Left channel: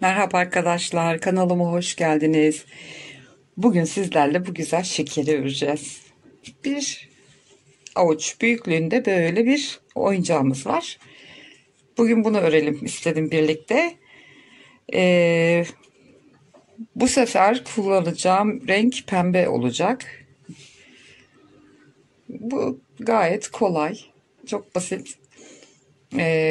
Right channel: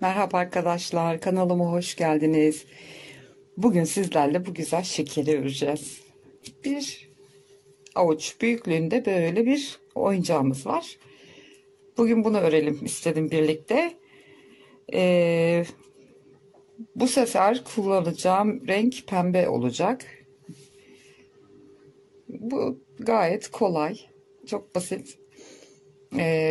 Merhaba arkadaşlar, kanalıma hoş geldiniz. Bugün sizlerle bu güzel şekeri öreceğiz. Bir avuç büyüklüğünde böyle bir oyuncağımız var. Bugün bunu örelim istedim birlikte. Ee, Bu sefer kullanacağım renk pembe olacak. Bu gayet kolay, çok basit.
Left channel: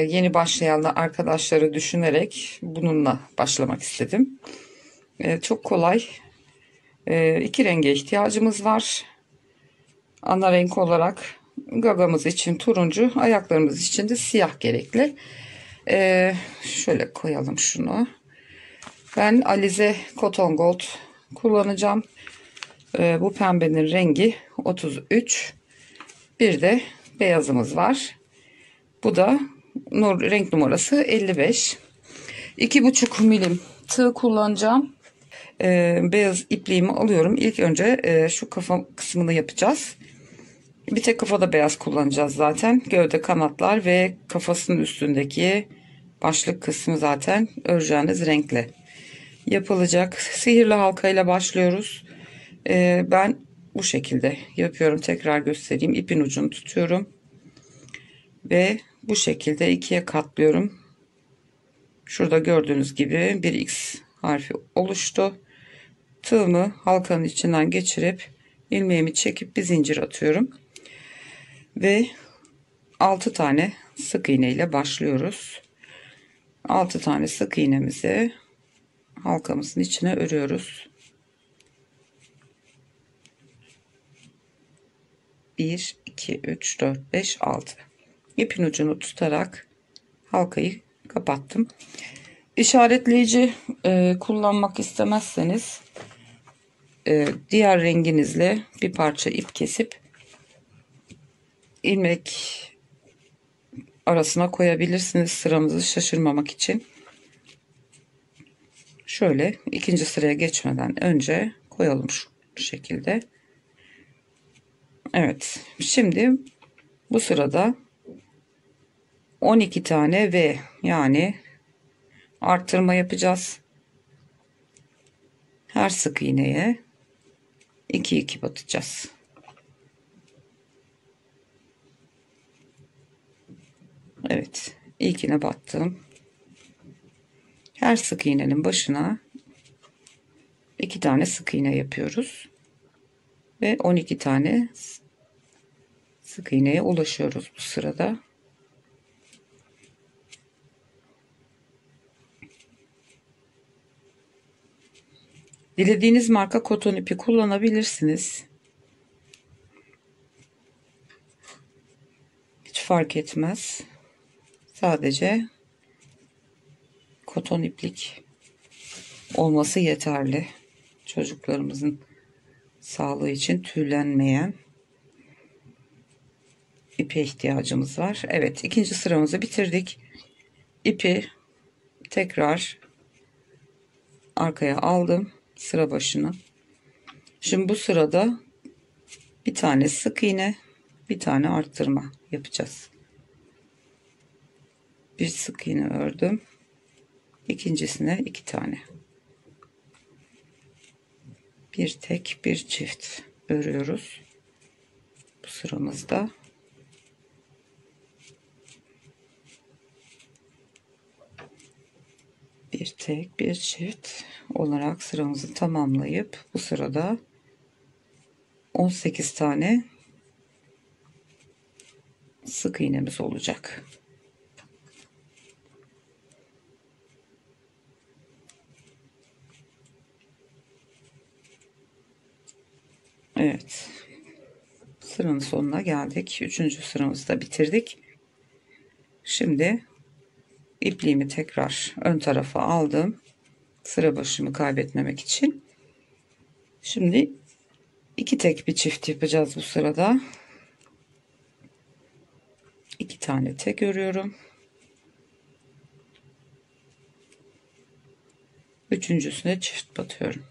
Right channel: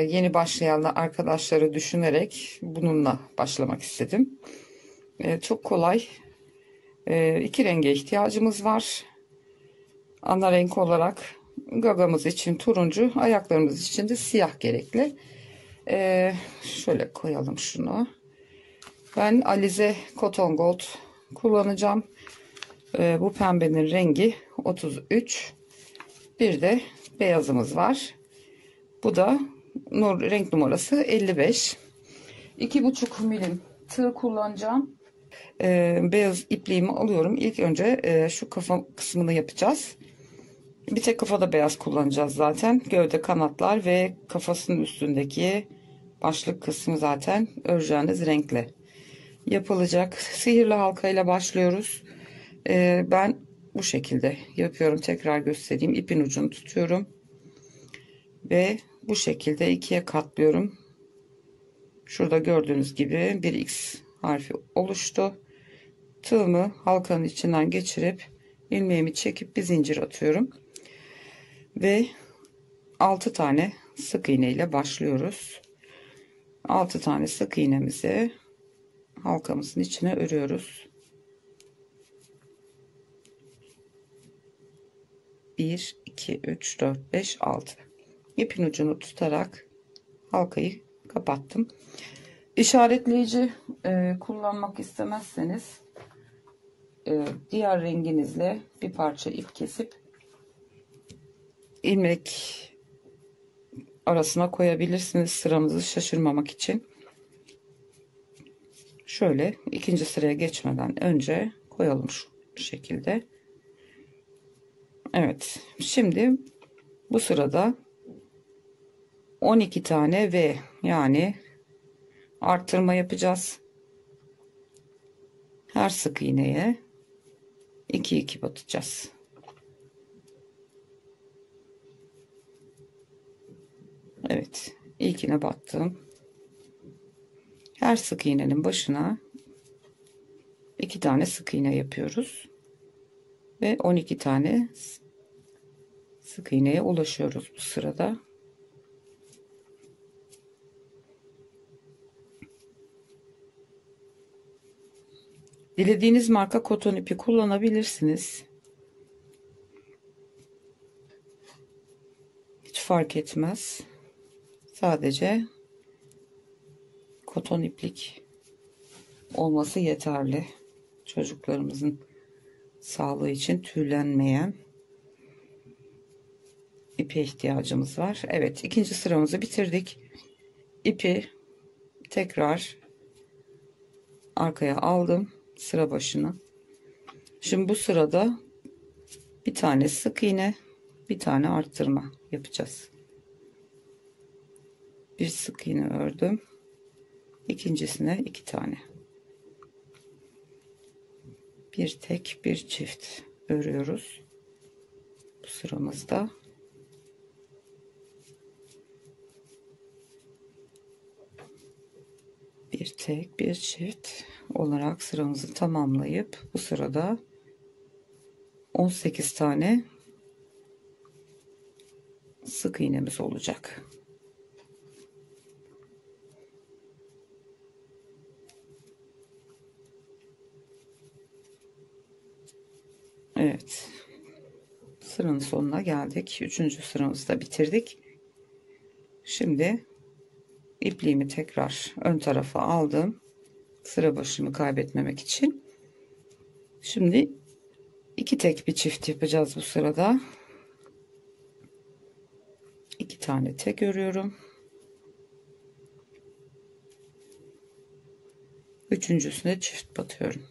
Yeni başlayan arkadaşları düşünerek bununla başlamak istedim. Çok kolay. İki renge ihtiyacımız var. Ana renk olarak gagamız için turuncu, ayaklarımız için de siyah gerekli. Şöyle koyalım şunu. Ben Alize Cotton Gold kullanacağım. Bu pembenin rengi 33. Bir de beyazımız var. Bu da renk numarası 55. 2,5 milim tığ kullanacağım. Beyaz ipliğimi alıyorum. İlk önce şu kafa kısmını yapacağız. Bir tek kafada beyaz kullanacağız zaten. Gövde, kanatlar ve kafasının üstündeki başlık kısmı zaten öreceğiniz renkle yapılacak. Sihirli halkayla başlıyoruz. Ben bu şekilde yapıyorum. Tekrar göstereyim. İpin ucunu tutuyorum. Ve bu şekilde ikiye katlıyorum. Şurada gördüğünüz gibi bir X harfi oluştu. Tığımı halkanın içinden geçirip ilmeğimi çekip bir zincir atıyorum. Ve 6 tane sık iğne ile başlıyoruz. 6 tane sık iğnemizi halkamızın içine örüyoruz. 1 2 3 4 5 6. İpin ucunu tutarak halkayı kapattım. İşaretleyici kullanmak istemezseniz diğer renginizle bir parça ip kesip ilmek arasına koyabilirsiniz, sıramızı şaşırmamak için. Şöyle ikinci sıraya geçmeden önce koyalım şu şekilde. Evet, şimdi bu sırada 12 tane V, yani arttırma yapacağız. Her sık iğneye 2 batacağız. Evet, ilkine battım. Her sık iğnenin başına 2 tane sık iğne yapıyoruz ve 12 tane sık iğneye ulaşıyoruz bu sırada. Dilediğiniz marka koton ipi kullanabilirsiniz. Hiç fark etmez. Sadece koton iplik olması yeterli. Çocuklarımızın sağlığı için tüylenmeyen ipe ihtiyacımız var. Evet, ikinci sıramızı bitirdik. İpi tekrar arkaya aldım, sıra başına. Şimdi bu sırada bir tane sık iğne, bir tane arttırma yapacağız. Bir sık iğne ördüm, ikincisine 2 tane, bir tek bir çift örüyoruz bu sıramızda. Bir tek bir çift olarak sıramızı tamamlayıp bu sırada 18 tane sık iğnemiz olacak. Evet, sıranın sonuna geldik. Üçüncü sıramızı da bitirdik. Şimdi ipliğimi tekrar ön tarafa aldım, sıra başımı kaybetmemek için. Şimdi 2 tek bir çift yapacağız bu sırada. 2 tane tek örüyorum. Üçüncüsüne çift batıyorum.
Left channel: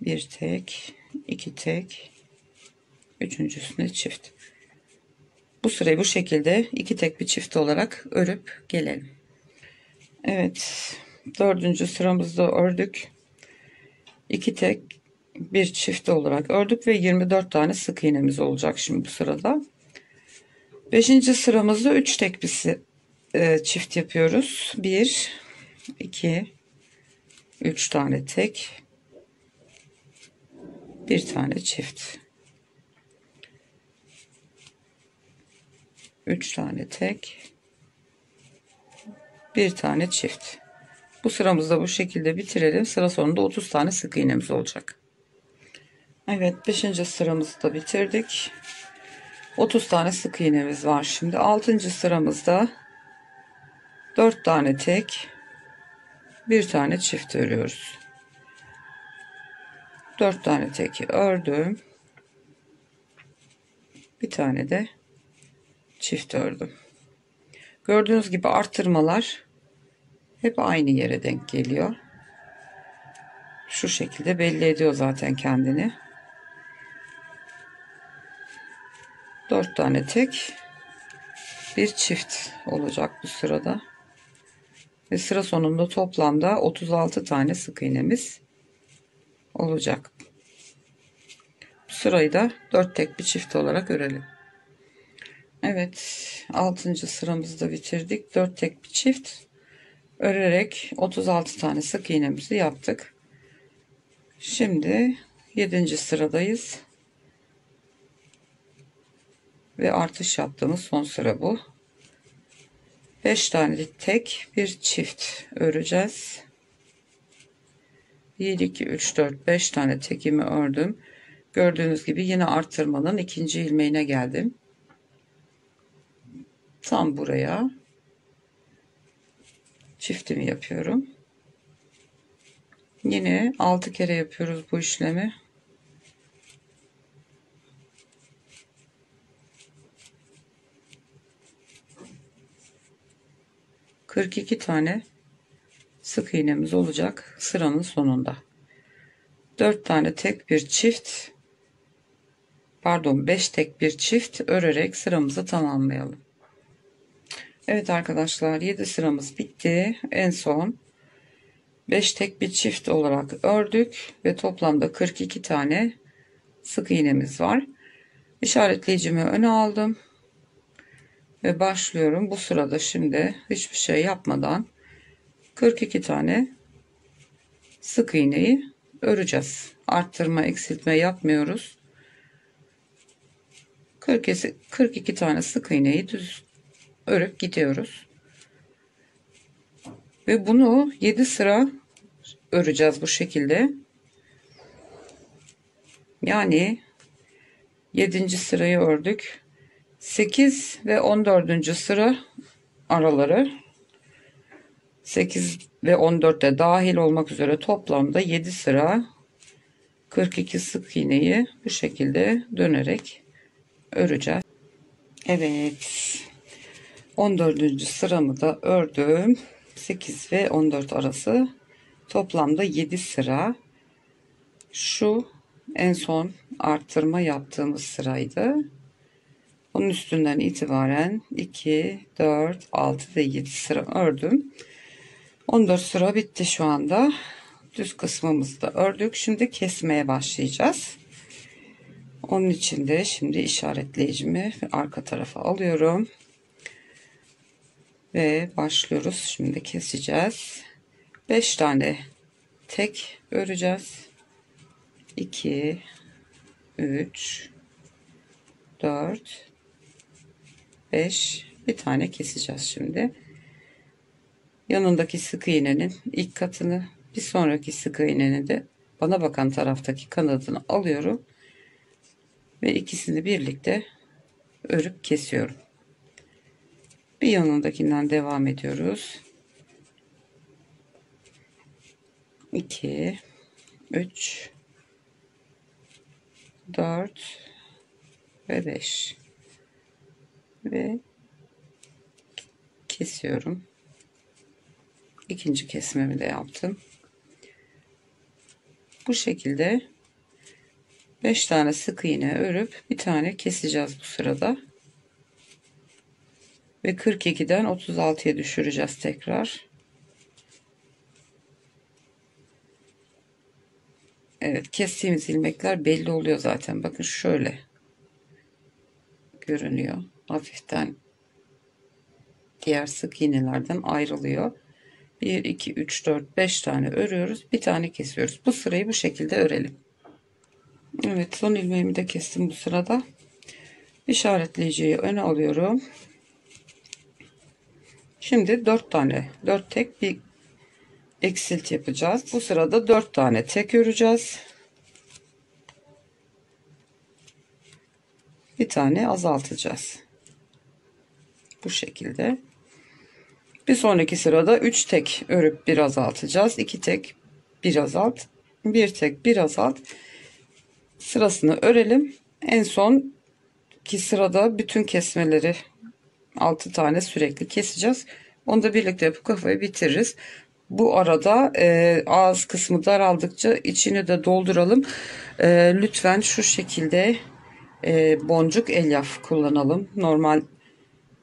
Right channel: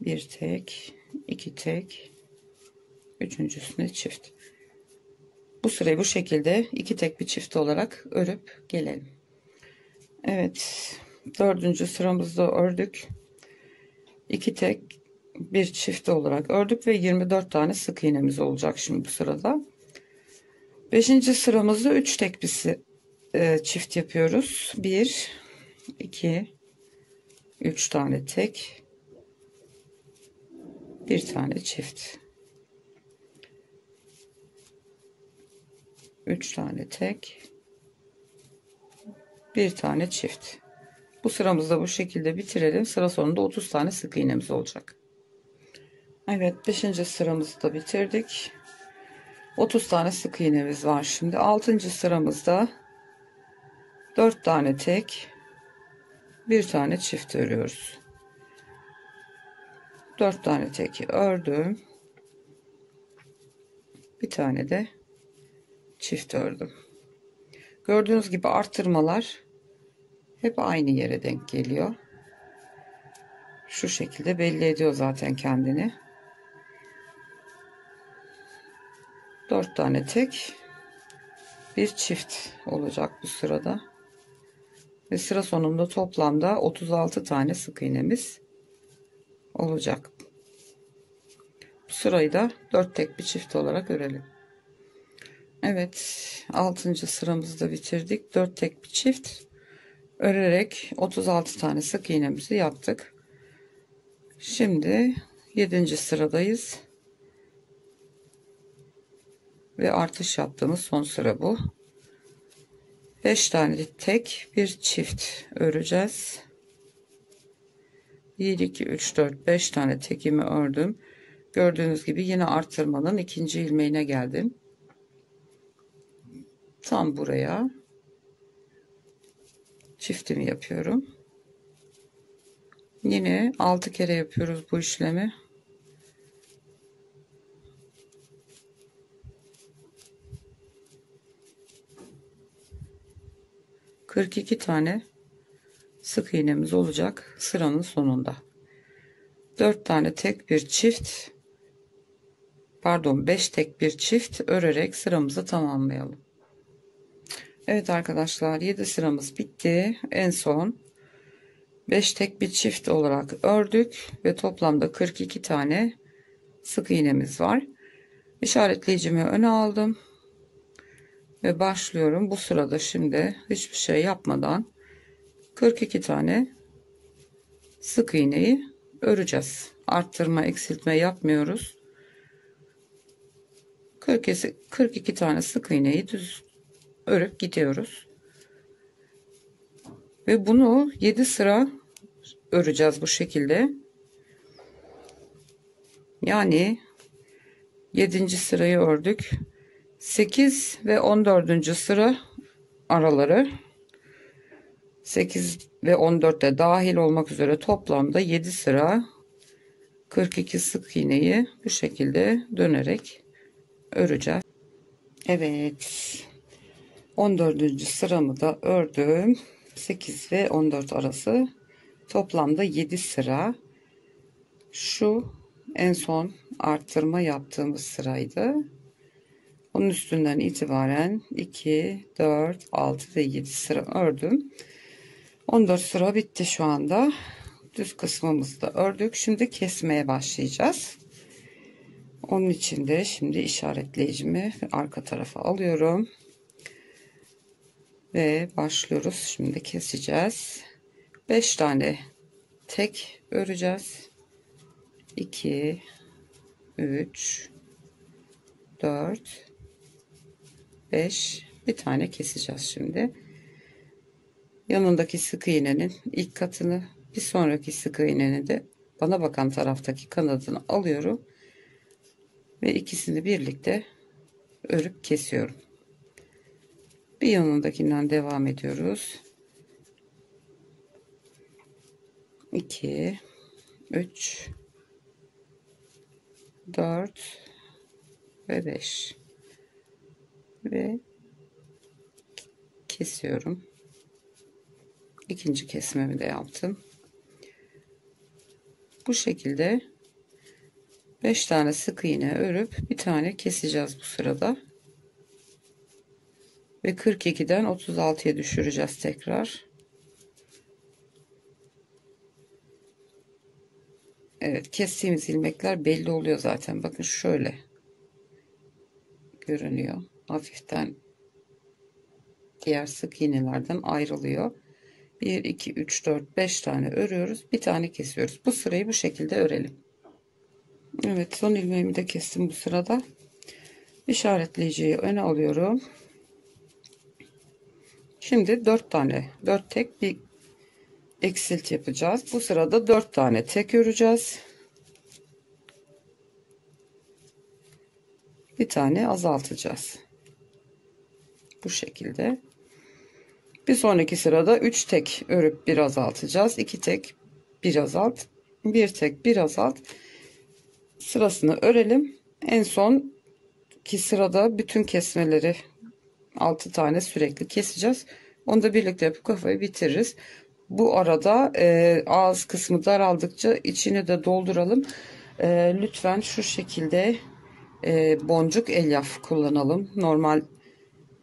Bir tek, 2 tek, üçüncüsüne çift. Bu sırayı bu şekilde 2 tek bir çift olarak örüp gelelim. Evet, dördüncü sıramızda ördük. 2 tek bir çift olarak ördük ve 24 tane sık iğnemiz olacak şimdi bu sırada. Beşinci sıramızda 3 tek bir çift yapıyoruz. 1 2 3 tane tek, bir tane çift, 3 tane tek, bir tane çift. Bu sıramızda bu şekilde bitirelim. Sıra sonunda 30 tane sık iğnemiz olacak. Evet, 5. sıramızı da bitirdik. 30 tane sık iğnemiz var. Şimdi 6. sıramızda 4 tane tek, bir tane çift örüyoruz. 4 tane tek ördüm. Bir tane de çift ördüm. Gördüğünüz gibi arttırmalar hep aynı yere denk geliyor. Şu şekilde belli ediyor zaten kendini. 4 tane tek, bir çift olacak bu sırada. Ve sıra sonunda toplamda 36 tane sık iğnemiz olacak. Bu sırayı da 4 tek bir çift olarak örelim. Evet, 6. sıramızı da bitirdik. 4 tek bir çift örerek 36 tane sık iğnemizi yaptık. Şimdi 7. sıradayız. Ve artış yaptığımız son sıra bu. 5 tane tek bir çift öreceğiz. 1 2 3 4 5 tane tekimi ördüm. Gördüğünüz gibi yine arttırmanın ikinci ilmeğine geldim. Tam buraya çiftimi yapıyorum. Yine 6 kere yapıyoruz bu işlemi. ...42 tane sık iğnemiz olacak sıranın sonunda. 4 tane tek bir çift, pardon 5 tek bir çift örerek sıramızı tamamlayalım. Evet arkadaşlar, 7 sıramız bitti. En son 5 tek bir çift olarak ördük ve toplamda 42 tane sık iğnemiz var. İşaretleyicimi öne aldım ve başlıyorum. Bu sırada şimdi hiçbir şey yapmadan 42 tane sık iğneyi öreceğiz. Arttırma, eksiltme yapmıyoruz. 42 tane sık iğneyi düz örüp gidiyoruz. Ve bunu 7 sıra öreceğiz bu şekilde. Yani 7. sırayı ördük. 8 ve 14. sıra araları 8 ve 14'te dahil olmak üzere toplamda 7 sıra 42 sık iğneyi bu şekilde dönerek öreceğiz. Evet, 14. sıramı da ördüm. 8 ve 14 arası toplamda 7 sıra. Şu en son arttırma yaptığımız sıraydı. Onun üstünden itibaren 2 4 6 ve 7 sıra ördüm. 14 sıra bitti şu anda. Düz kısmımızı da ördük. Şimdi kesmeye başlayacağız. Onun için de şimdi işaretleyicimi arka tarafa alıyorum. Ve başlıyoruz. Şimdi keseceğiz. 5 tane tek öreceğiz. 2 3 4 5, bir tane keseceğiz şimdi. Yanındaki sık iğnenin ilk katını, bir sonraki sık iğnenin de bana bakan taraftaki kanadını alıyorum ve ikisini birlikte örüp kesiyorum. Bir yanındakinden devam ediyoruz. 2 3 4 ve 5 ve kesiyorum. İkinci kesmemi de yaptım. Bu şekilde 5 tane sık iğne örüp bir tane keseceğiz bu sırada. Ve 42'den 36'ya düşüreceğiz tekrar. Evet, kestiğimiz ilmekler belli oluyor zaten. Bakın şöyle görünüyor. Hafiften diğer sık iğnelerden ayrılıyor. 1, 2, 3, 4, 5 tane örüyoruz. Bir tane kesiyoruz. Bu sırayı bu şekilde örelim. Evet, son ilmeğimi de kestim bu sırada. İşaretleyiciyi öne alıyorum. Şimdi 4 tek bir eksilt yapacağız. Bu sırada 4 tane tek öreceğiz. Bir tane azaltacağız. Bu şekilde. Bir sonraki sırada 3 tek örüp bir azaltacağız. 2 tek bir azalt. 1 tek bir azalt. Sırasını örelim. En son ki sırada bütün kesmeleri 6 tane sürekli keseceğiz. Onu da birlikte yapıp kafayı bitiririz. Bu arada ağız kısmı daraldıkça içini de dolduralım. Lütfen şu şekilde boncuk elyaf kullanalım. Normal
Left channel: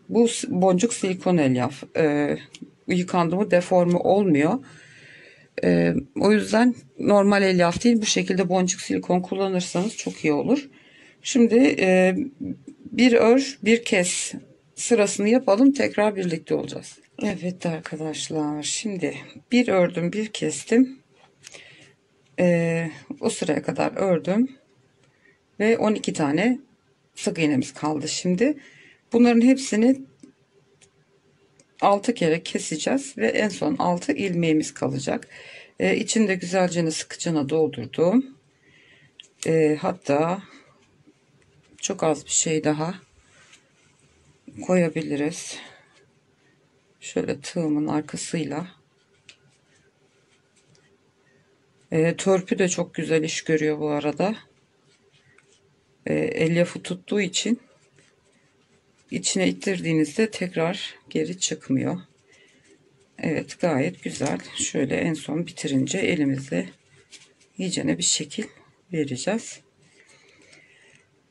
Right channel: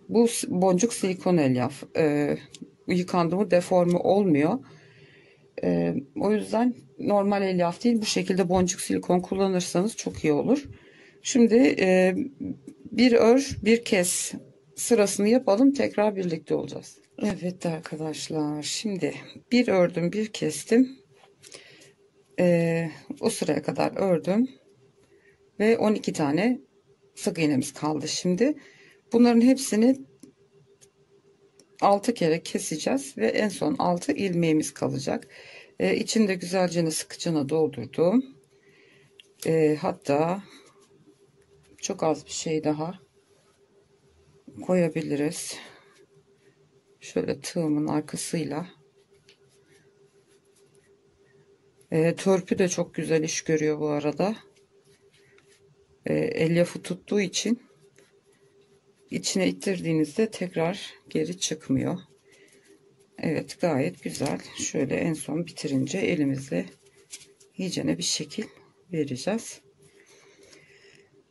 bu boncuk silikon elyaf. Yıkandı mı deforme olmuyor. O yüzden normal elyaf değil, bu şekilde boncuk silikon kullanırsanız çok iyi olur. Şimdi bir ör bir kes sırasını yapalım, tekrar birlikte olacağız. Evet arkadaşlar, şimdi bir ördüm bir kestim. O sıraya kadar ördüm ve 12 tane sık iğnemiz kaldı. Şimdi bunların hepsini 6 kere keseceğiz ve en son 6 ilmeğimiz kalacak. İçinde güzelce sıkıcına doldurdum. Hatta çok az bir şey daha koyabiliriz. Şöyle tığımın arkasıyla. Törpü de çok güzel iş görüyor bu arada. Elyafı tuttuğu için içine ittirdiğinizde tekrar geri çıkmıyor. Evet, gayet güzel. Şöyle en son bitirince elimizle iyicene bir şekil vereceğiz.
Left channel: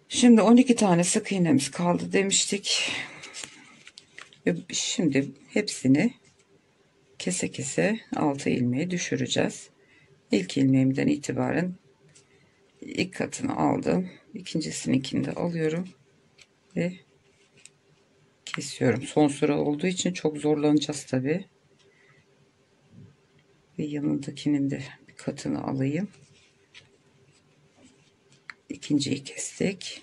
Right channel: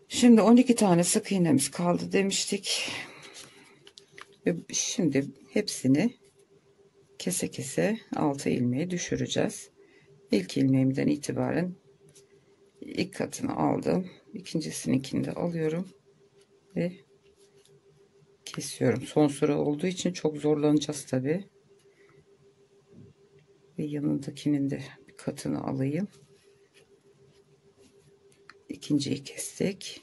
Şimdi 12 tane sık iğnemiz kaldı demiştik. Ve şimdi hepsini kese kese 6 ilmeğe düşüreceğiz. İlk ilmeğimden itibaren ilk katını aldım. İkincisininkini de alıyorum ve kesiyorum. Son sıra olduğu için çok zorlanacağız tabi. Ve yanındakinin de bir katını alayım. İkinciyi kestik.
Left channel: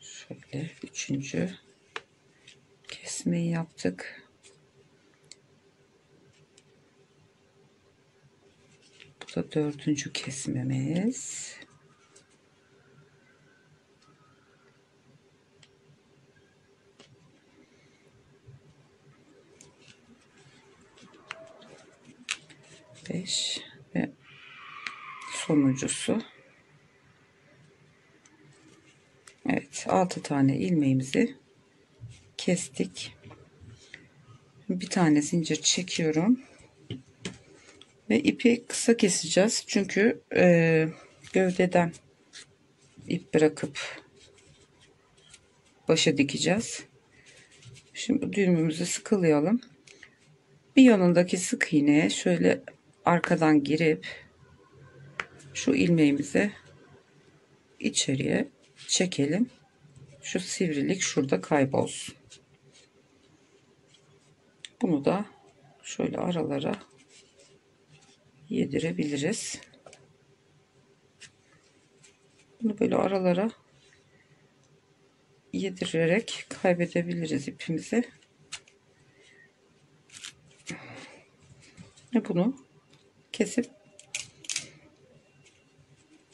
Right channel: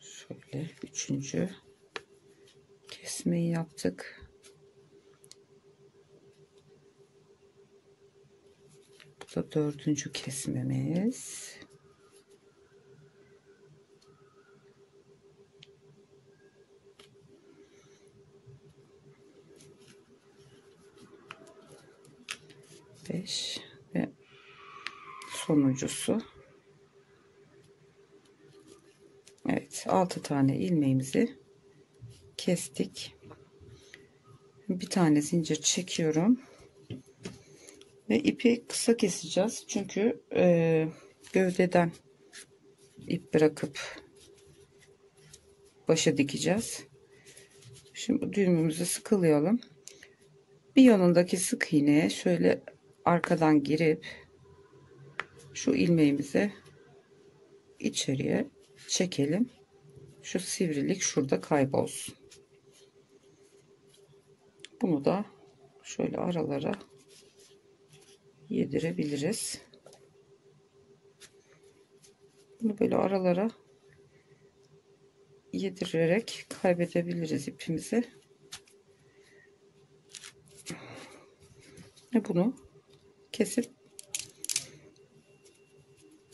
Şöyle üçüncü kesmeyi yaptık. Bu da dördüncü kesmemiz. Beş ve sonuncusu. Evet, 6 tane ilmeğimizi kestik. Bir tane zincir çekiyorum ve ipi kısa keseceğiz çünkü gövdeden ip bırakıp başa dikeceğiz. Şimdi düğümümüzü sıkılayalım. Bir yanındaki sık iğneye şöyle arkadan girip şu ilmeğimizi içeriye çekelim. Şu sivrilik şurada kaybolsun. Bunu da şöyle aralara yedirebiliriz. Bunu böyle aralara yedirerek kaybedebiliriz ipimizi. Ve bunu kesip,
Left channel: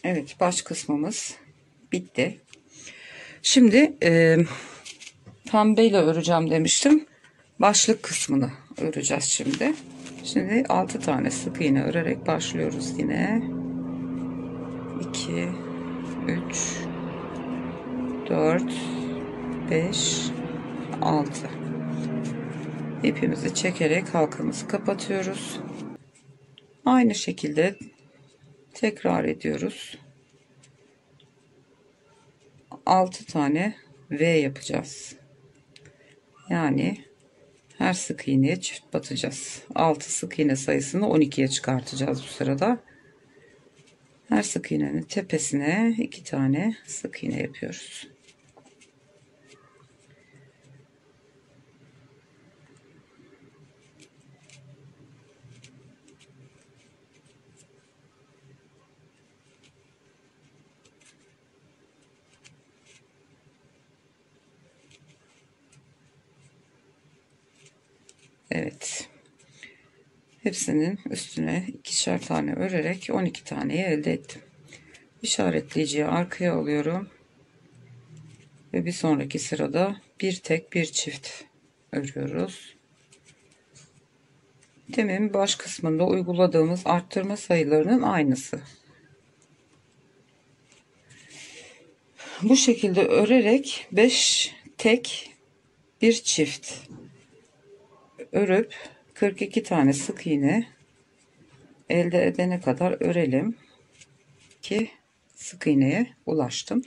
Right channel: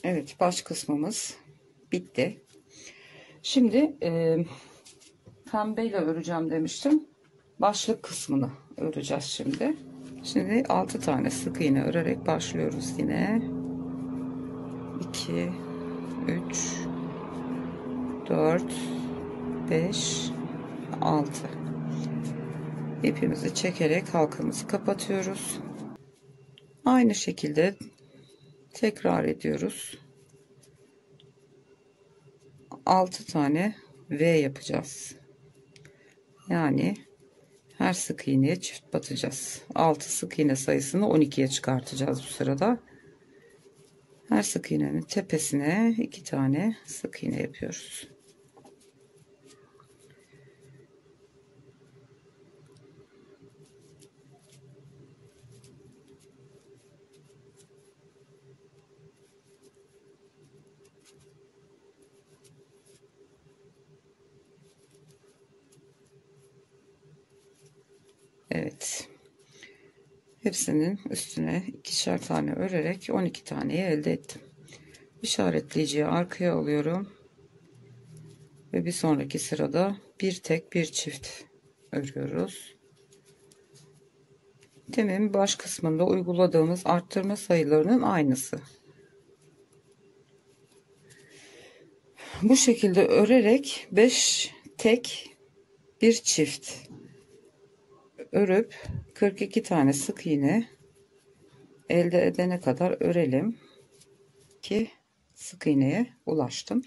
evet, baş kısmımız bitti. Şimdi pembeyle öreceğim demiştim. Başlık kısmını öreceğiz şimdi. Şimdi 6 tane sık iğne örerek başlıyoruz yine. 2, 3, 4, 5, 6. İpimizi çekerek halkamızı kapatıyoruz. Aynı şekilde tekrar ediyoruz. 6 tane V yapacağız. Yani her sık iğneye çift batacağız. 6 sık iğne sayısını 12'ye çıkartacağız bu sırada. Her sık iğnenin tepesine 2 tane sık iğne yapıyoruz. Evet. Hepsinin üstüne ikişer tane örerek 12 taneyi elde ettim. İşaretleyiciyi arkaya alıyorum. Ve bir sonraki sırada bir tek bir çift örüyoruz. Demin baş kısmında uyguladığımız arttırma sayılarının aynısı. Bu şekilde örerek 5 tek bir çift örüp 42 tane sık iğne elde edene kadar örelim ki sık iğneye ulaştım.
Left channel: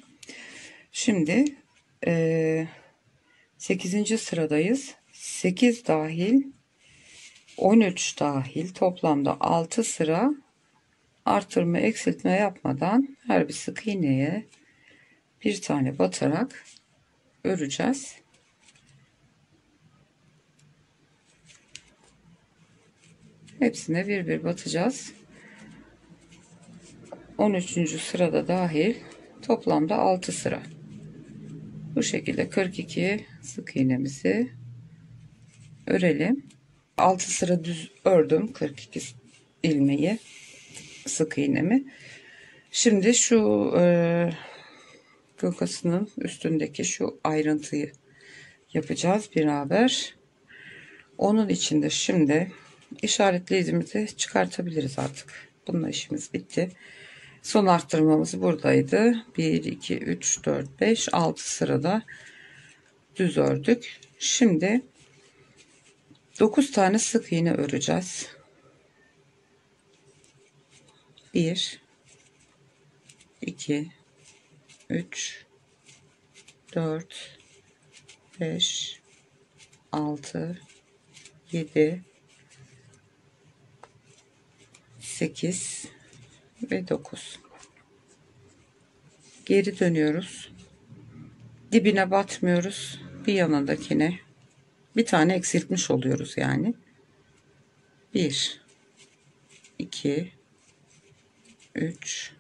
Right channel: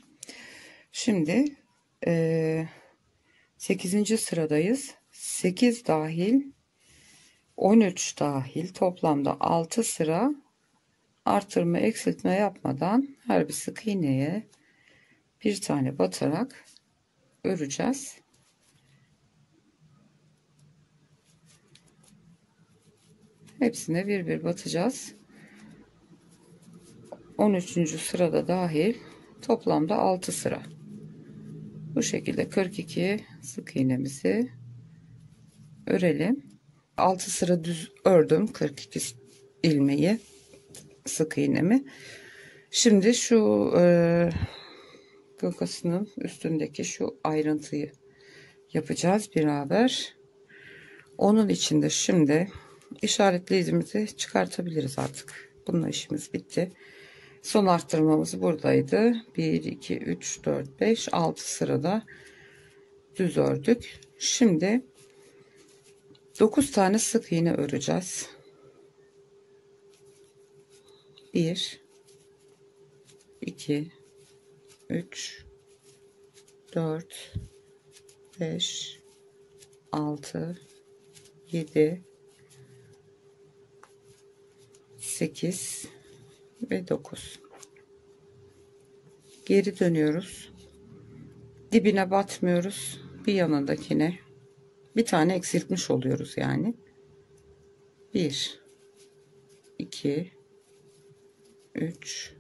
Şimdi 8. sıradayız. 8 dahil 13 dahil toplamda 6 sıra artırma eksiltme yapmadan her bir sık iğneye bir tane batarak öreceğiz. Hepsine bir bir batacağız. 13. sırada dahil toplamda 6 sıra. Bu şekilde 42 sık iğnemizi örelim. 6 sıra düz ördüm 42 ilmeği, sık iğnemi. Şimdi şu kılkasının üstündeki şu ayrıntıyı yapacağız beraber. Onun için de şimdi işaretleyicimizi çıkartabiliriz artık. Bununla işimiz bitti. Son arttırmamız buradaydı. 1 2 3 4 5 6 sırada düz ördük. Şimdi 9 tane sık iğne öreceğiz. 1 2 3 4 5 6 7 8 ve 9. Geri dönüyoruz. Dibine batmıyoruz. Bir yanındakine bir tane eksiltmiş oluyoruz yani. 1 2 3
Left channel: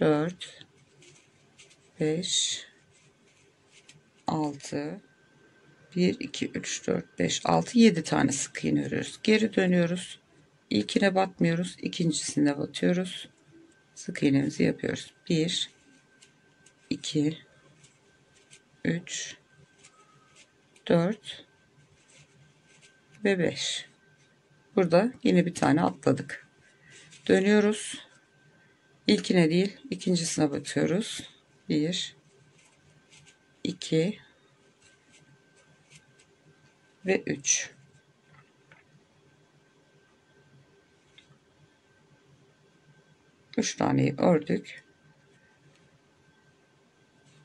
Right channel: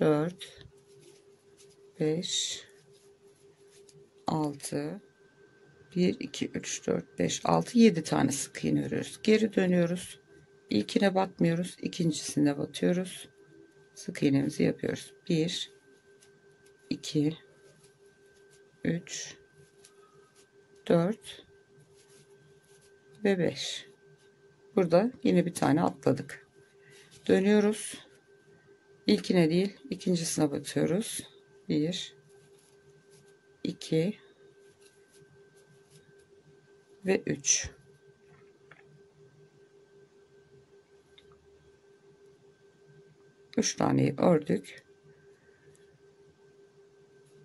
4 5 6 1 2 3 4 5 6 7 tane sık iğne örüyoruz. Geri dönüyoruz. İlkine batmıyoruz. İkincisine batıyoruz. Sık iğnemizi yapıyoruz. 1 2 3 4 ve 5. Burada yine bir tane atladık. Dönüyoruz. İlkine değil, ikincisine batıyoruz. 1 2 ve 3. Üç taneyi ördük.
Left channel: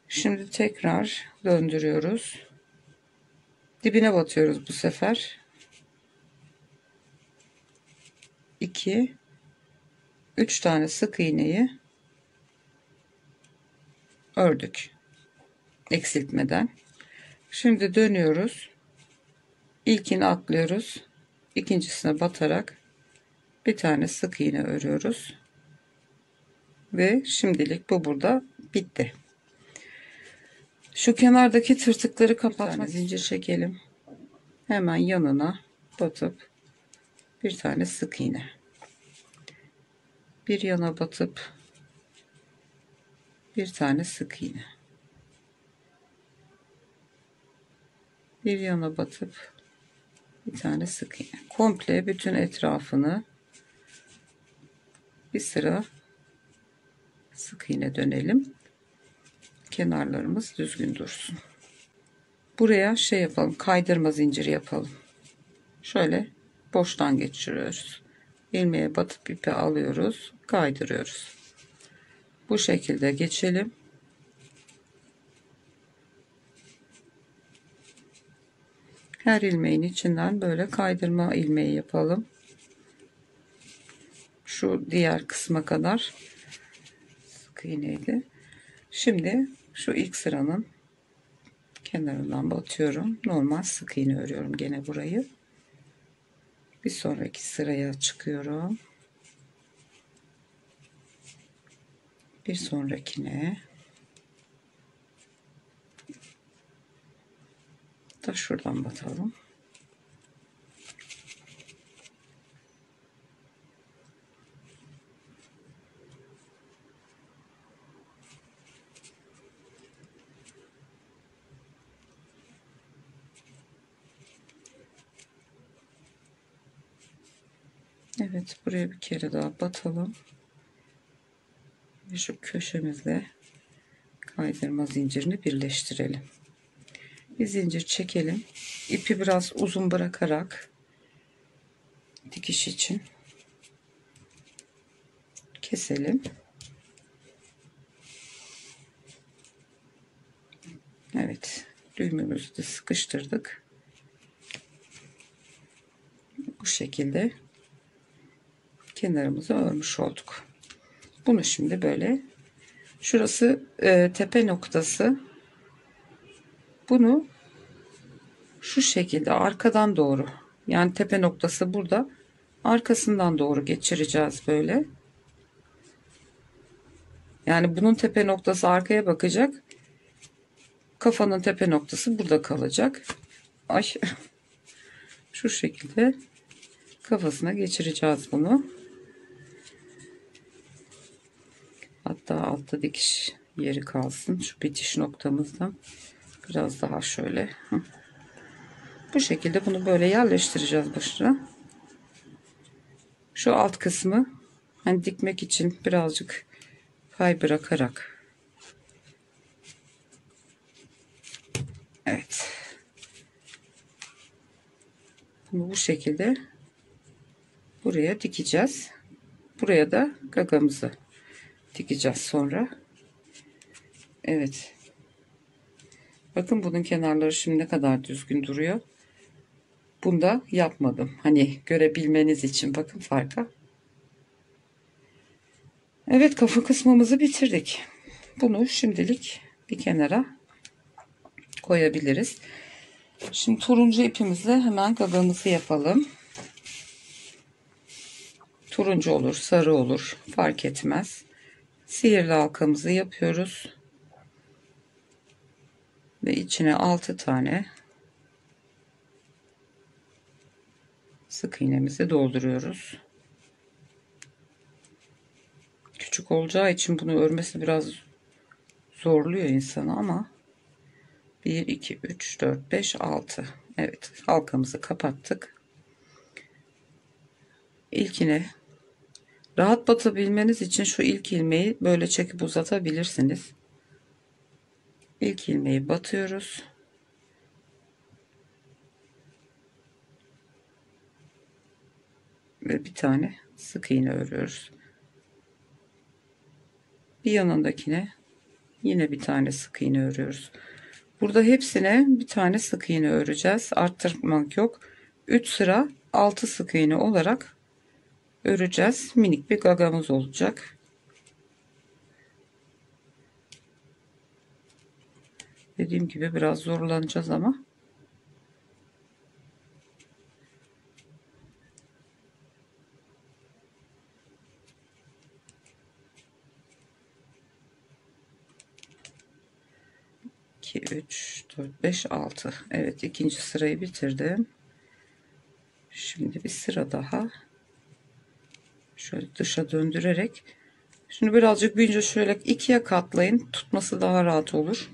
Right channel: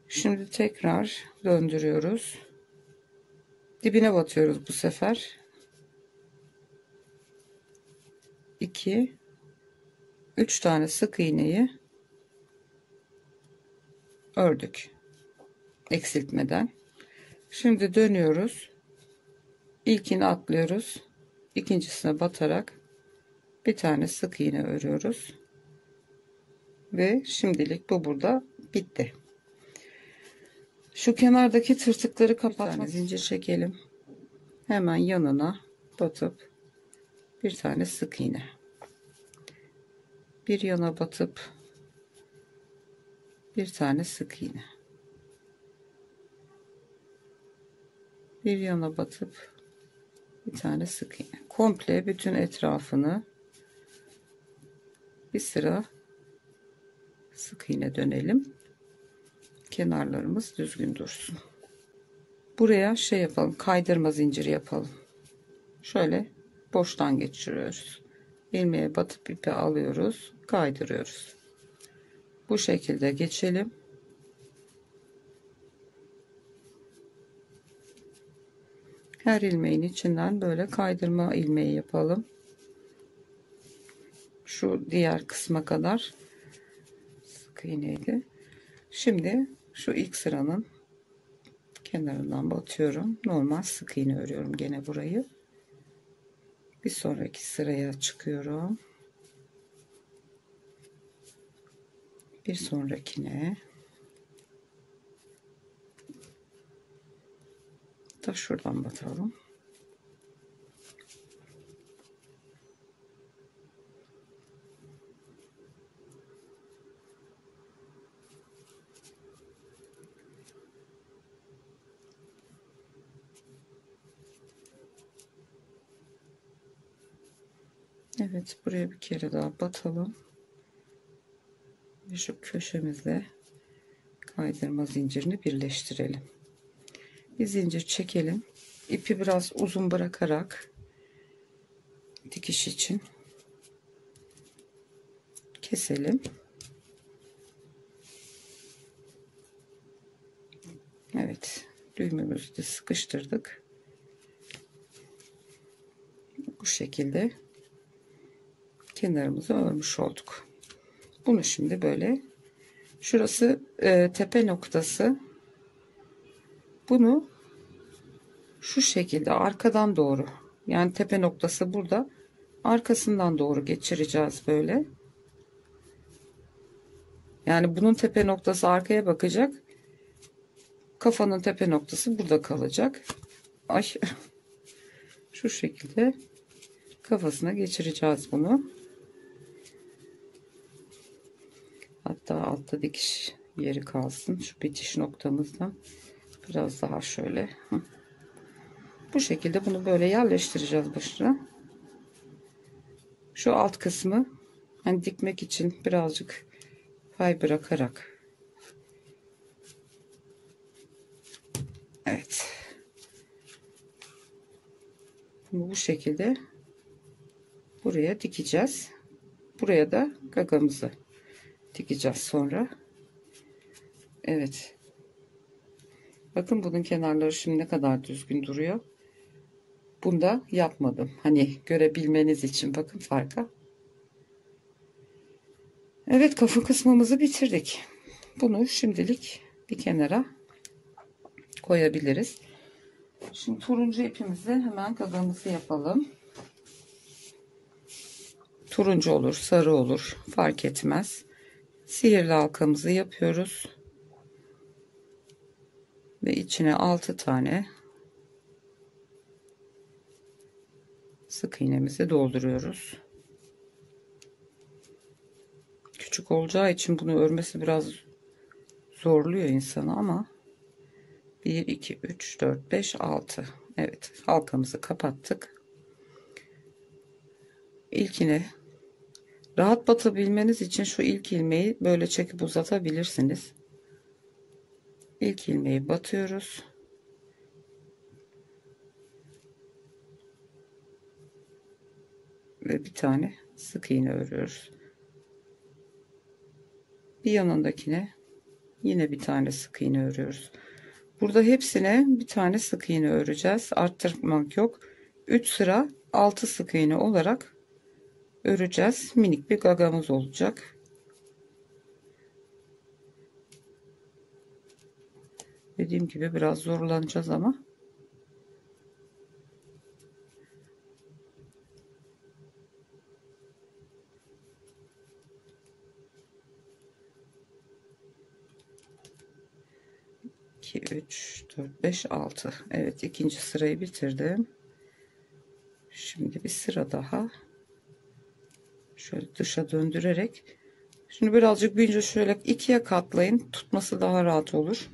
Şimdi tekrar döndürüyoruz. Dibine batıyoruz bu sefer. 2 3 tane sık iğneyi ördük eksiltmeden. Şimdi dönüyoruz. İlkini atlıyoruz. İkincisine batarak bir tane sık iğne örüyoruz. Ve şimdilik bu burada bitti. Şu kenardaki tırtıkları kapatmak zincir çekelim. Hemen yanına batıp bir tane sık iğne. Bir yana batıp bir tane sık iğne. Bir yana batıp bir tane sık iğne. Komple bütün etrafını bir sıra sık iğne dönelim. Kenarlarımız düzgün dursun. Buraya şey yapalım, kaydırma zinciri yapalım. Şöyle boştan geçiriyoruz. İlmeğe batıp ipi alıyoruz, kaydırıyoruz. Bu şekilde geçelim. her ilmeğin içinden böyle kaydırma ilmeği yapalım. Şu diğer kısma kadar sık iğneyle. Şimdi şu ilk sıranın kenarından batıyorum. Normal sık iğne örüyorum gene burayı. Bir sonraki sıraya çıkıyorum. Bir sonrakine da şuradan batalım. Evet, buraya bir kere daha batalım. Ve şu köşemizle kaydırma zincirini birleştirelim. Bir zincir çekelim. İpi biraz uzun bırakarak dikiş için keselim. Evet, düğümümüzü de sıkıştırdık. Bu şekilde kenarımızı örmüş olduk. Bunu şimdi böyle, şurası tepe noktası. Bunu şu şekilde arkadan doğru, yani tepe noktası burada, arkasından doğru geçireceğiz böyle. Yani bunun tepe noktası arkaya bakacak. Kafanın tepe noktası burada kalacak. Ay. Şu şekilde kafasına geçireceğiz bunu. Hatta altta dikiş yeri kalsın. Şu bitiş noktamızdan biraz daha şöyle. Bu şekilde bunu böyle yerleştireceğiz başına. Şu alt kısmı hani dikmek için birazcık pay bırakarak. Evet. Bunu bu şekilde buraya dikeceğiz. Buraya da gagamızı dikeceğiz sonra. Evet. Bakın bunun kenarları şimdi ne kadar düzgün duruyor. Bunda yapmadım. Hani görebilmeniz için bakın farka. Evet, kafa kısmımızı bitirdik. Bunu şimdilik bir kenara koyabiliriz. Şimdi turuncu ipimizle hemen gagamızı yapalım. Turuncu olur, sarı olur, fark etmez. Sihirli halkamızı yapıyoruz. Ve içine 6 tane sık iğnemizi dolduruyoruz. Küçük olacağı için bunu örmesi biraz zorluyor insanı ama 1, 2, 3, 4, 5, 6. Evet, halkamızı kapattık. İlkine rahat batabilmeniz için şu ilk ilmeği böyle çekip uzatabilirsiniz. İlk ilmeği batıyoruz. Ve bir tane sık iğne örüyoruz. Bir yanındakine yine bir tane sık iğne örüyoruz. Burada hepsine bir tane sık iğne öreceğiz. Arttırmak yok. 3 sıra 6 sık iğne olarak öreceğiz. Minik bir gagamız olacak. Dediğim gibi biraz zorlanacağız ama. İki, 3, 4, 5, 6. Evet, ikinci sırayı bitirdim. Şimdi bir sıra daha şöyle dışa döndürerek, şimdi birazcık büyünce şöyle ikiye katlayın, tutması daha rahat olur.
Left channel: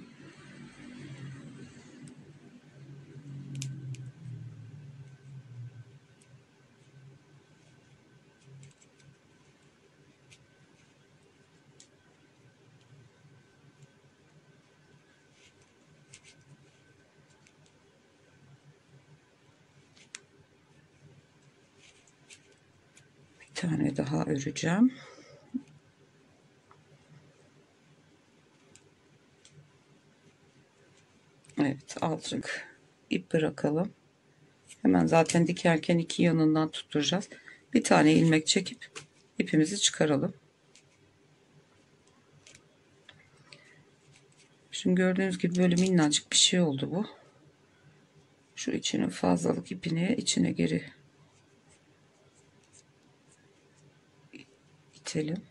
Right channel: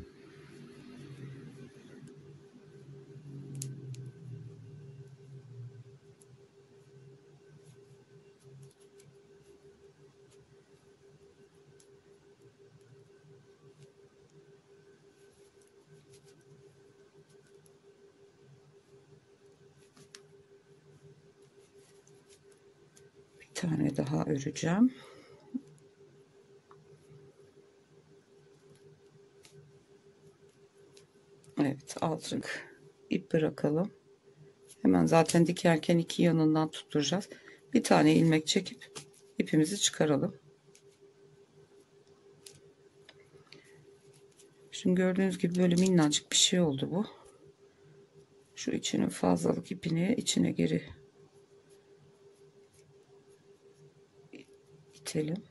Bir tane daha öreceğim. Evet, azıcık ip bırakalım. Hemen zaten dikerken iki yanından tutturacağız. Bir tane ilmek çekip ipimizi çıkaralım. Şimdi gördüğünüz gibi böyle minnacık bir şey oldu bu. Şu içinin fazlalık ipini içine geri itelim.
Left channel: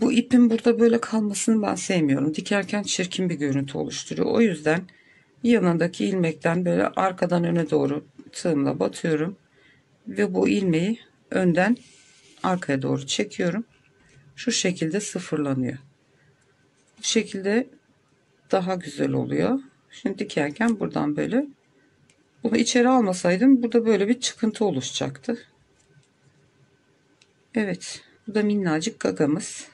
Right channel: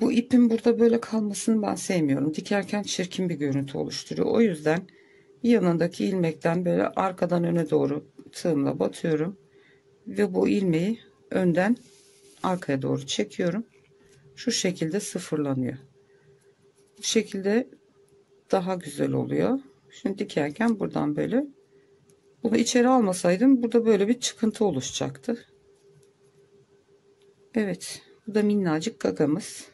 Bu ipin burada böyle kalmasını ben sevmiyorum. Dikerken çirkin bir görüntü oluşturuyor. O yüzden yanındaki ilmekten böyle arkadan öne doğru tığımla batıyorum. Ve bu ilmeği önden arkaya doğru çekiyorum. Şu şekilde sıfırlanıyor. Bu şekilde daha güzel oluyor. Şimdi dikerken buradan böyle, bunu içeri almasaydım burada böyle bir çıkıntı oluşacaktı. Evet, bu da minnacık gagamız.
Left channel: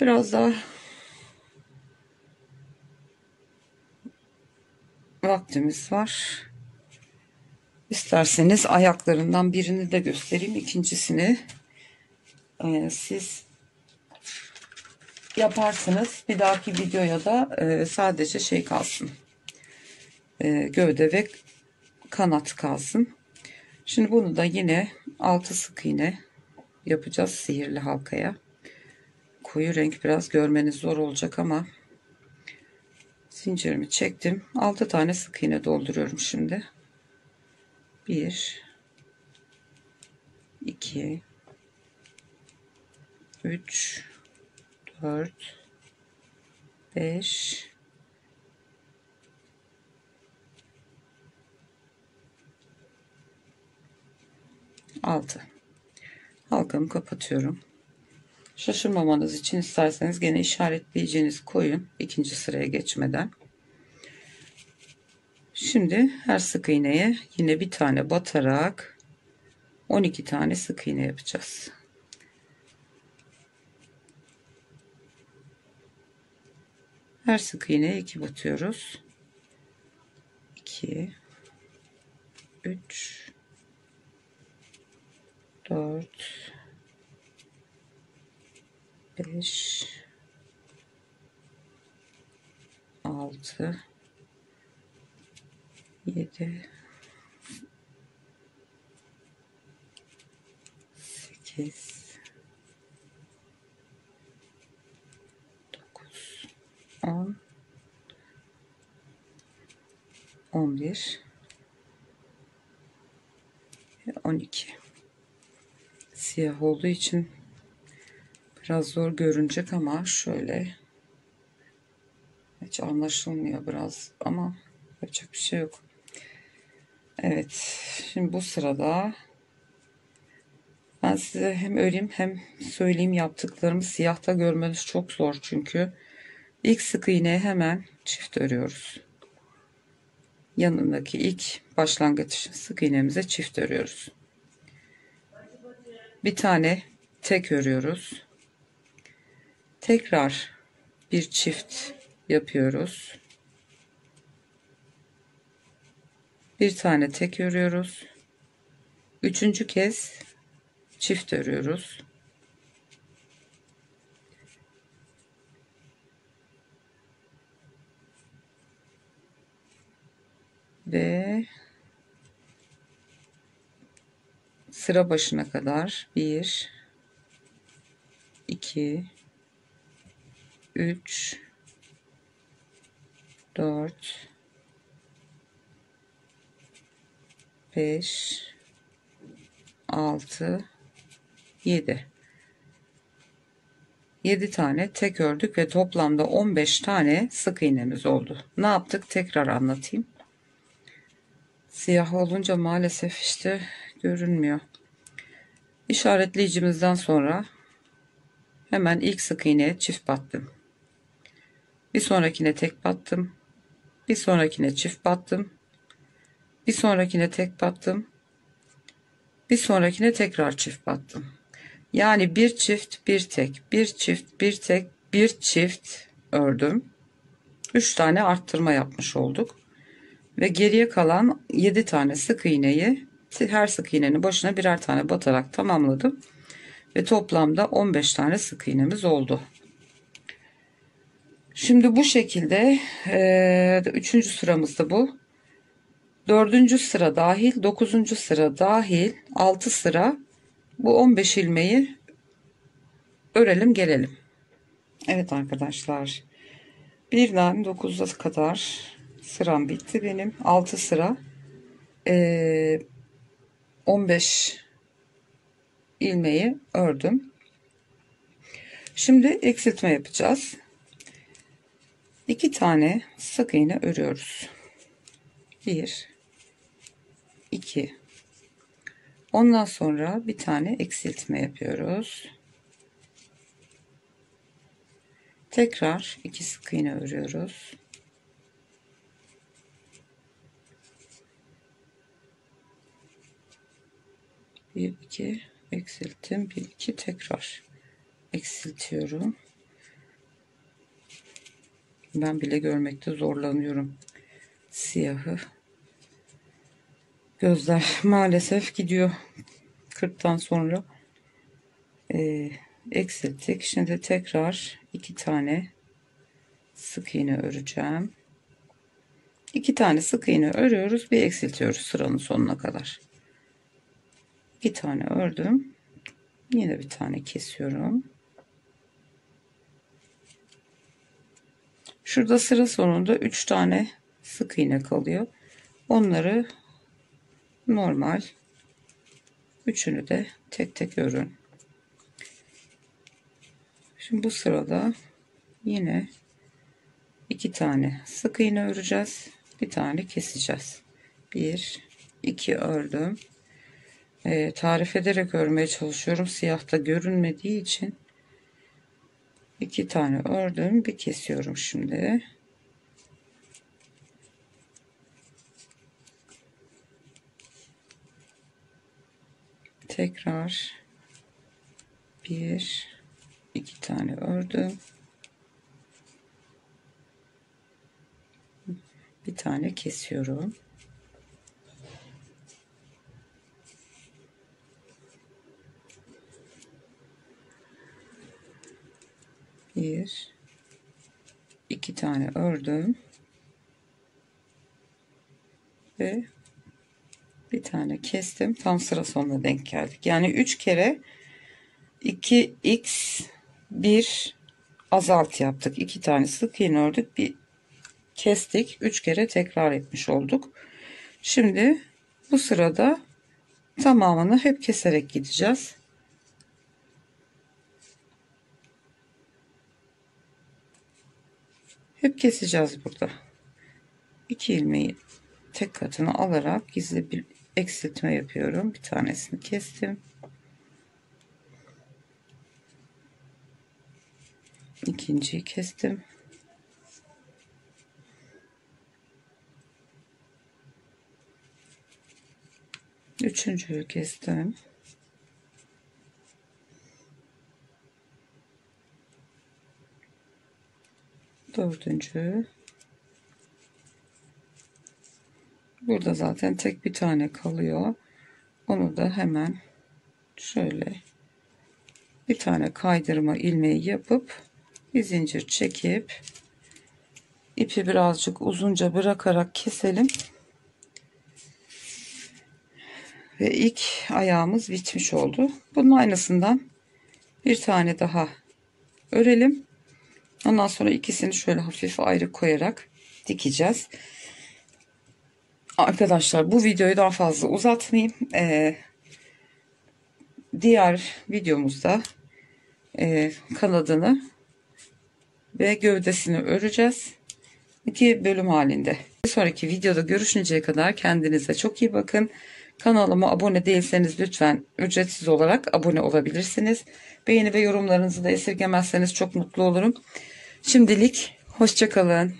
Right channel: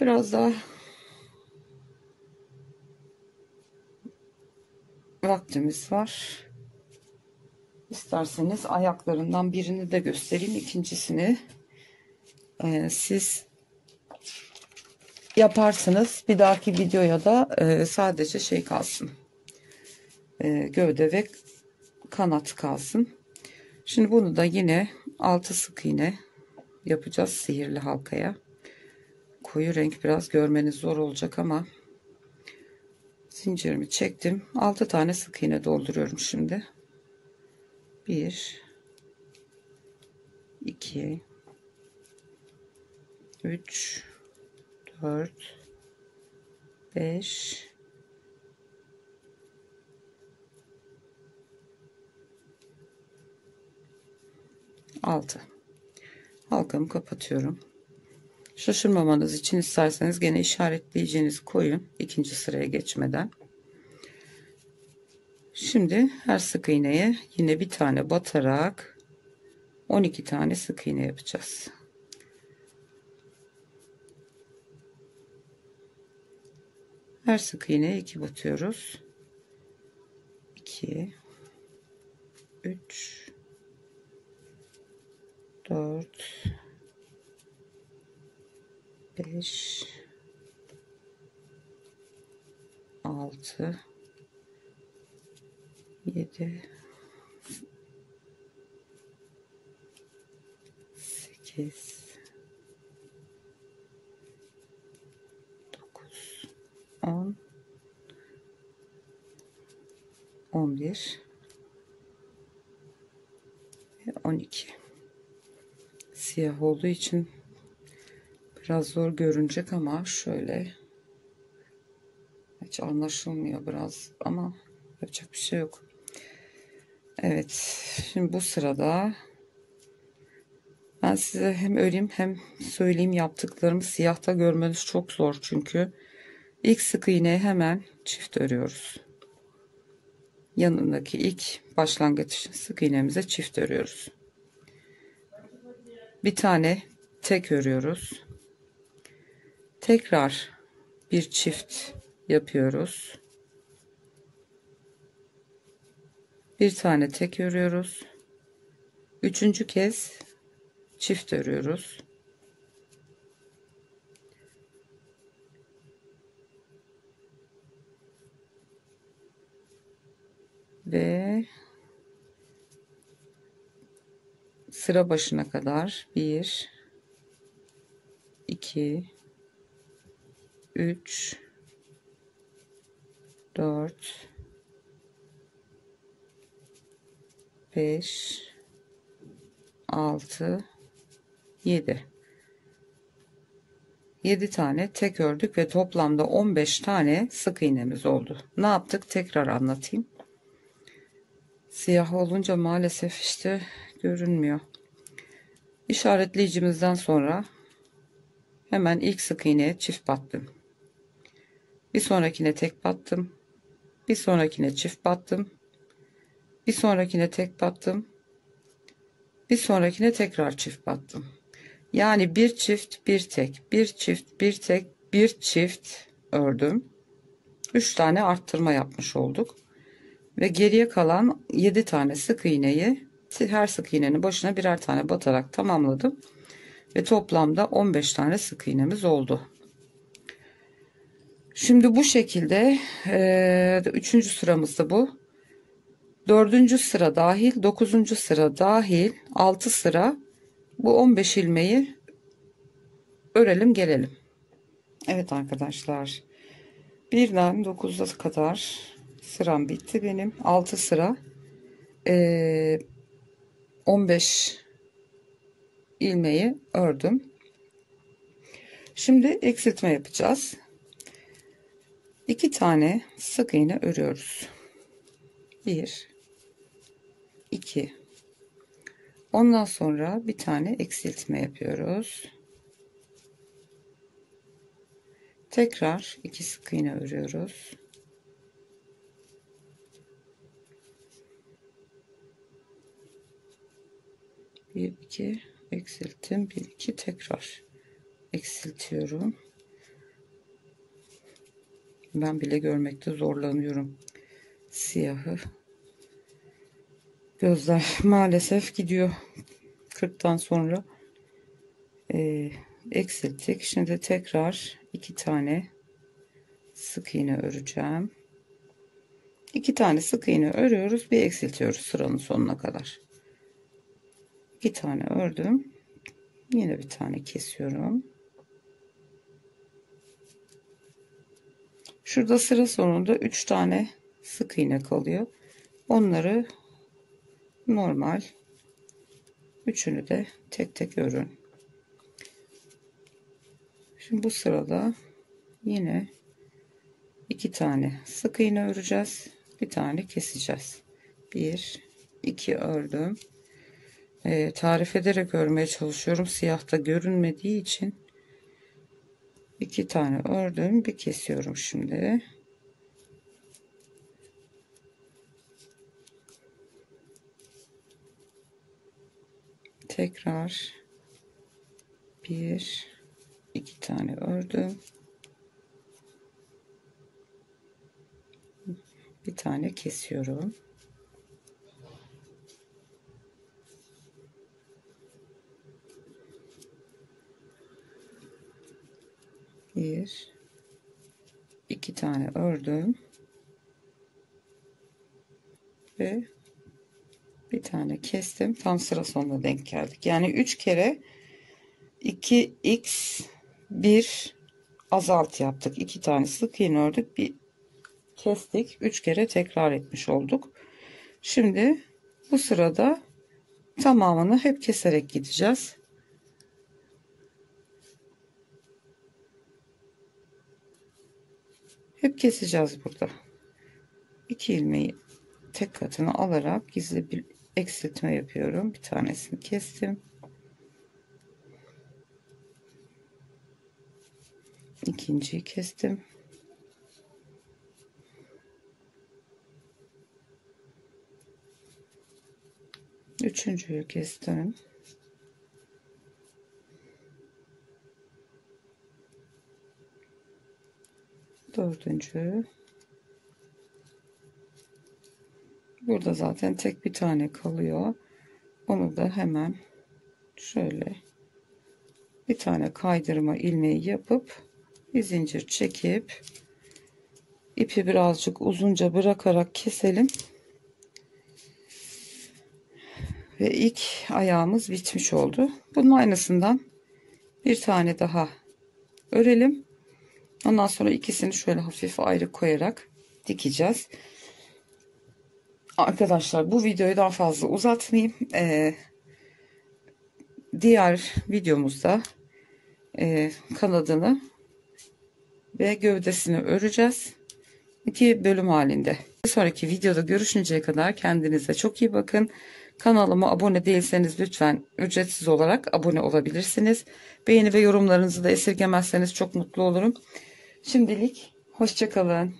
Biraz daha vaktimiz var. İsterseniz ayaklarından birini de göstereyim. İkincisini siz yaparsınız. Bir dahaki videoya da sadece şey kalsın. Gövde ve kanat kalsın. Şimdi bunu da yine 6 sık iğne yapacağız sihirli halkaya. Koyu renk biraz görmeniz zor olacak ama zincirimi çektim. 6 tane sık iğne dolduruyorum şimdi. 1 2 3 4 5 6. Halkamı kapatıyorum. Şaşırmamanız için isterseniz gene işaretleyeceğinizi koyun ikinci sıraya geçmeden. Şimdi her sık iğneye yine bir tane batarak 12 tane sık iğne yapacağız. Her sık iğneye 2 batıyoruz. 2 3 4 5 6 7 8 9 10 11 ve 12. Siyah olduğu için biraz zor görünecek ama şöyle hiç anlaşılmıyor biraz ama yapacak bir şey yok. Evet, şimdi bu sırada ben size hem öreyim hem söyleyeyim, yaptıklarımı siyahta görmeniz çok zor çünkü ilk sık iğneye hemen çift örüyoruz. Yanındaki ilk başlangıç sık iğnemize çift örüyoruz. Bir tane tek örüyoruz. Tekrar bir çift yapıyoruz. Bir tane tek örüyoruz. Üçüncü kez çift örüyoruz. Ve sıra başına kadar 1 2 3 4 5 6 7 tane tek ördük ve toplamda 15 tane sık iğnemiz oldu. Ne yaptık? Tekrar anlatayım. Siyah olunca maalesef işte görünmüyor. İşaretleyicimizden sonra hemen ilk sık iğneye çift battım. Bir sonrakine tek battım. Bir sonrakine çift battım. Bir sonrakine tek battım. Bir sonrakine tekrar çift battım. Yani bir çift, bir tek, bir çift, bir tek, bir çift ördüm. 3 tane arttırma yapmış olduk. Ve geriye kalan 7 tane sık iğneyi her sık iğnenin başına birer tane batarak tamamladım. Ve toplamda 15 tane sık iğnemiz oldu. Şimdi bu şekilde 3. sıramızda bu. 4. sıra dahil, 9. sıra dahil 6 sıra bu 15 ilmeği örelim gelelim. Evet arkadaşlar, birden 9'a kadar sıram bitti benim. 6 sıra 15 ilmeği ördüm. Şimdi eksiltme yapacağız. 2 tane sık iğne örüyoruz. 1 2. Ondan sonra bir tane eksiltme yapıyoruz. Tekrar 2 sık iğne örüyoruz. Bir iki eksilttim, bir iki tekrar eksiltiyorum. Ben bile görmekte zorlanıyorum siyahı. Gözler maalesef gidiyor 40'tan sonra. Eksilttik. Şimdi tekrar 2 tane sık iğne öreceğim. 2 tane sık iğne örüyoruz, bir eksiltiyoruz sıranın sonuna kadar. 2 tane ördüm. Yine bir tane kesiyorum. Şurada sıra sonunda 3 tane sık iğne kalıyor. Onları normal, üçünü de tek tek örün. Şimdi bu sırada yine 2 tane sık iğne öreceğiz. Bir tane keseceğiz. 1 2 ördüm. Tarif ederek örmeye çalışıyorum. Siyahta görünmediği için 2 tane ördüm, bir kesiyorum şimdi. Tekrar 1 2 tane ördüm. Bir tane kesiyorum. Bir, 2 tane ördüm ve bir tane kestim. Tam sıra sonuna denk geldik. Yani 3 kere 2x 1 azalt yaptık. 2 tane sık iğne ördük, bir kestik. 3 kere tekrar etmiş olduk. Şimdi bu sırada tamamını hep keserek gideceğiz. Hep keseceğiz burada. 2 ilmeği tek katına alarak gizli bir eksiltme yapıyorum. Bir tanesini kestim. İkinciyi kestim. Üçüncüyü kestim. Dördüncü. Burada zaten tek bir tane kalıyor. Onu da hemen şöyle bir tane kaydırma ilmeği yapıp bir zincir çekip ipi birazcık uzunca bırakarak keselim. Ve ilk ayağımız bitmiş oldu. Bunun aynısından bir tane daha örelim. Ondan sonra ikisini şöyle hafif ayrı koyarak dikeceğiz. Arkadaşlar, bu videoyu daha fazla uzatmayayım. Diğer videomuzda kanadını ve gövdesini öreceğiz. 2 bölüm halinde. Bir sonraki videoda görüşünceye kadar kendinize çok iyi bakın. Kanalıma abone değilseniz lütfen ücretsiz olarak abone olabilirsiniz. Beğeni ve yorumlarınızı da esirgemezseniz çok mutlu olurum. Şimdilik hoşça kalın.